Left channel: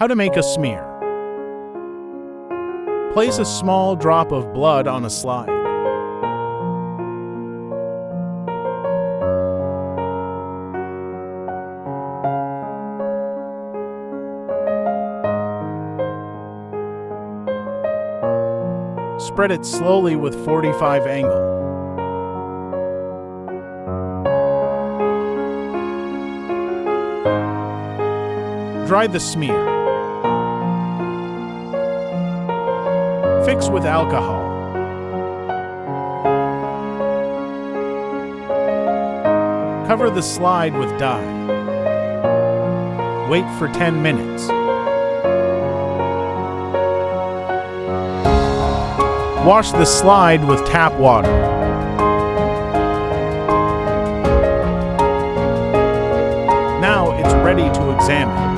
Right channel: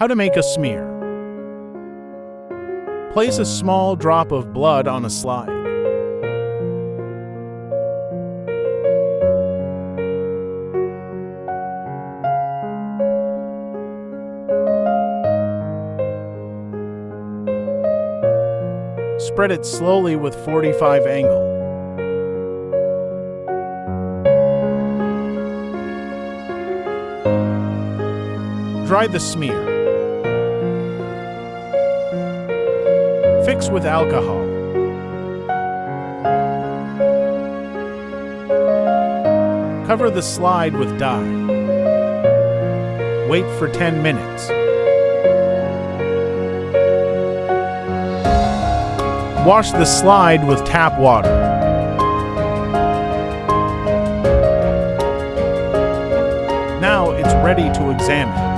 How to make a smear. Place a small drop of blood on a slide. Spread it slowly with 45 angle. Dry the smear. Fix with alcohol. Cover the slide with dye. Wait for 10 minutes. Wash the slide with tap water. Now it's ready to examine.